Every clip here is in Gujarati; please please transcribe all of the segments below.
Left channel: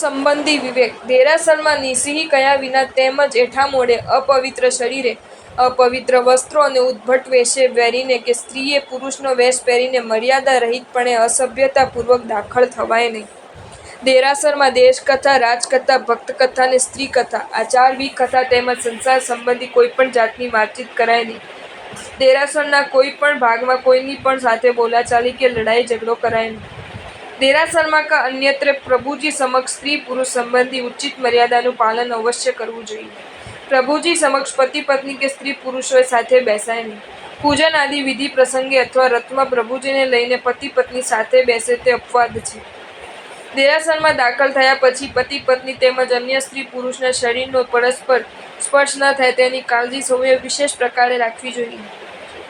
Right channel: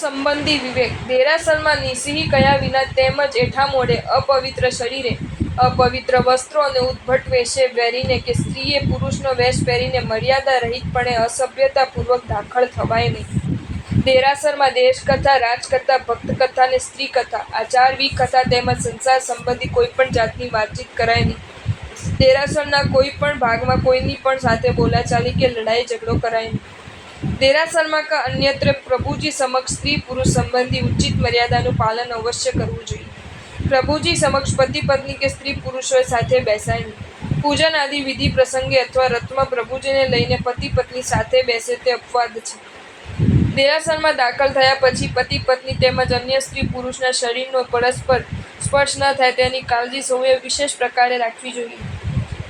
સંબંધી વિવેક દેરાસરમાં નિસિંહ કયા વિના તેમજ એઠા મોઢે અપવિત્ર શરીરે અપવિત્ર વસ્ત્રો અને ઉદ્ભટ વેશે પહેરીને કે સ્ત્રીએ પુરુષનો વેશ પહેરીને મર્યાદા રહિતપણે અસભ્યતાપૂર્વક દાખલ થવાય નહીં. દેરાસરમાં દેશકથા, રાજકથા, ભક્તકથા અને સ્ત્રી કથા આ 4 વિકથા તેમજ સંસાર સંબંધી કોઈપણ જાતની વાતચીત કરાય નહીં. દેરાસરના કોઈ પણ ભાગમાં કોઈની પણ સાથે બોલાચાલી કે લડાઈ ઝઘડો કરાય નહીં. દેરાસરમાં કે અન્યત્ર પ્રભુજી સમક્ષ સ્ત્રી પુરુષ સંબંધી ઉચિત મર્યાદાનું પાલન અવશ્ય કરવું જોઈએ. પ્રભુજી સમક્ષ પતિ પત્ની કે સ્ત્રી પુરુષોએ સાથે બેસાય નહીં. પૂજન આદિ વિધિ પ્રસંગે અથવા રથમાં પ્રભુજીને લઈને પતિ પત્ની સાથે બેસે તે અપવાદ છે. દેરાસરમાં દાખલ થયા પછી પતિ પત્ની તેમજ અન્ય સ્ત્રી પુરુષના શરીરનો પરસ્પર સ્પર્શ ન થાય તેની કાળજી સૌએ વિશેષ પ્રકારે રાખવી જોઈએ.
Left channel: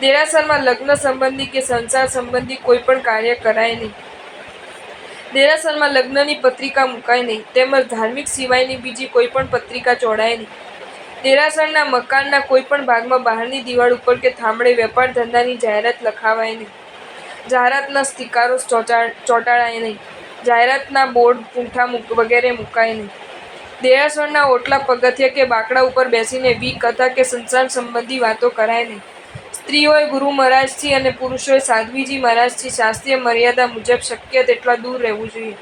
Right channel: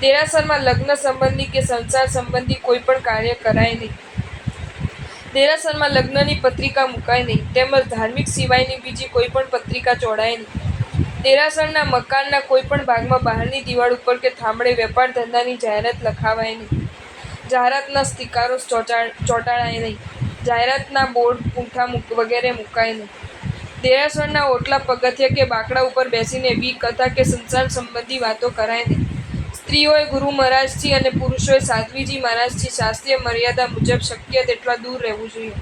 દેરાસરમાં લગ્ન સંબંધી કે સંસાર સંબંધી કોઈ પણ કાર્ય કરાય નહીં. દેરાસરમાં લગ્નની પત્રિકા મુકાય નહીં તેમજ ધાર્મિક સિવાયની બીજી કોઈ પણ પત્રિકા ચોડાય નહીં. દેરાસરના મકાનના કોઈ પણ ભાગમાં બહારની દિવાલ ઉપર કે થાંભળે વેપાર ધંધાની જાહેરાત લખાવાય નહીં. જાહેરાતના સ્ટીકરો ચોંટાડાય નહીં. જાહેરાતના બોર્ડ પૂંઠા વગેરે મુકાય નહીં. દેરાસરના ઓટલા પગથિયા કે બાકડા ઉપર બેસીને વિકથા કે સંસાર સંબંધી વાતો કરાય નહીં. સ્ત્રીઓએ ગુરુ મહારાજથી અને પુરુષોએ સાધ્વીજી મહારાજથી શાસ્ત્રીય મર્યાદા મુજબ શક્ય તેટલા દૂર રહેવું જોઈએ.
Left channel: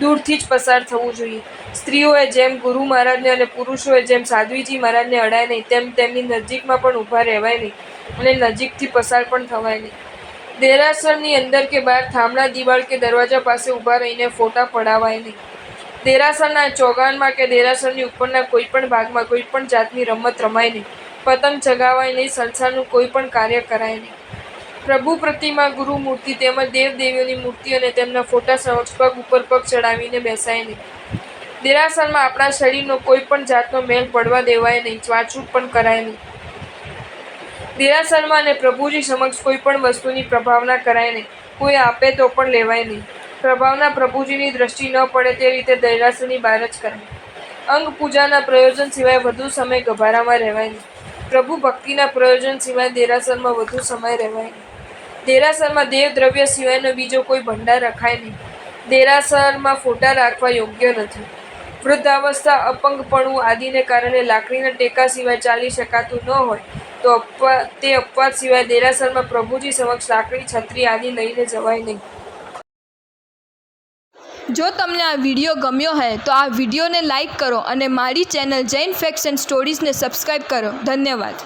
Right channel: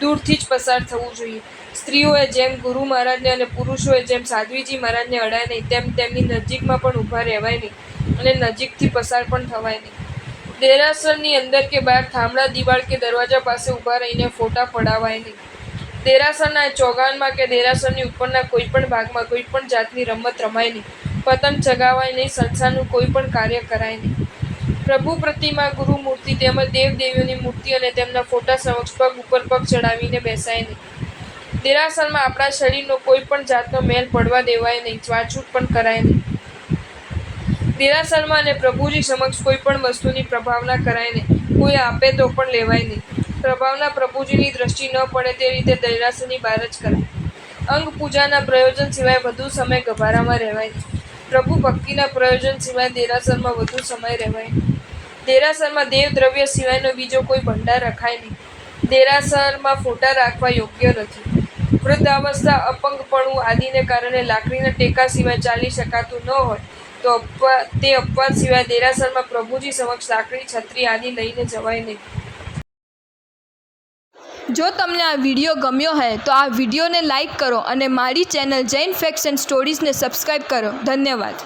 દૂરથી જ પસાર થવું જોઈએ. સ્ત્રીઓએ જેમ ગુરુ મહારાજને અને પુરુષોએ જેમ સાધ્વીજી મહારાજને અડાય નહીં તેમ તેમની નજીકમાં પણ ઊભા રહેવાય નહીં અને નજીકથી પસાર પણ થવાય નહીં. દેરાસરની અંદર કે બહાર થાંભલા દિવાલ કે દરવાજા પાસે ઊભા રહીને ફોટા પડાવાય નહીં. દેરાસરના ચોગાનમાં કે દેરાસરની ઉપરના કોઈ પણ ભાગમાં કોઈ પણ જાતની રમત રમાય નહીં. પતંગ ચગાવાય નહીં. સંસારનું કોઈ પણ કાર્ય કરાય નહીં. પ્રભુ પ્રતિમા, ગુરુ મૂર્તિ તેમજ દેવદેવીઓની મૂર્તિ અને તેમના ફોટા સમક્ષ પગ ઉપર પગ ચડાવીને બેસાય નહીં. દેરાસરમાં આપણા શરીરનો કોઈ પણ જાતનો મેલ પડવા દેવાય નહીં. છૂવાછૂત પણ કરાય નહીં. દેરાસરમાં અને પ્રભુજી સમક્ષ કોઈ પણ વસ્તુની પ્રભાવના કરાય નહીં. કોઈ આપે તો પણ લેવાય નહીં. પ્રભાવના પ્રભુજીની દ્રષ્ટિ ન પડે તે રીતે દેરાસરની બહાર જ કરાય. અંગ પૂજાના પ્રયોજન સિવાય વધુ સમય ગભારામાં રહેવાય નહીં. પ્રભુ ભક્તિના પ્રયોજન સિવાય દેરાસરમાં વધુ સમય રહેવાય નહીં. દેરાસરમાં દેવ દ્રવ્ય સિવાયનો બીજો કોઈ ભંડાર રખાય નહીં. દેરાસરમાં ફોટા રાખવા યોગ્ય નથી. વૃદ્ધાવસ્થા, અપંગપણું આદિને કારણે લાકડીના ટેકા સિવાય ચાલી શકાતું ન હોય તો તે અપવાદ સિવાય દેરાસરમાં પ્રભુજી સમક્ષ લાકડી, છત્રી આદિ લઈને જવાય નહીં. જો તમને આ વિડીયો ગમ્યો હોય તો આ વિડીયોને લાઈક કરો અને મારી ચેનલ જૈન ફેક્ટ્સ એન્ડ સ્ટોરીઝને સબસ્ક્રાઈબ કરો. ધન્યવાદ.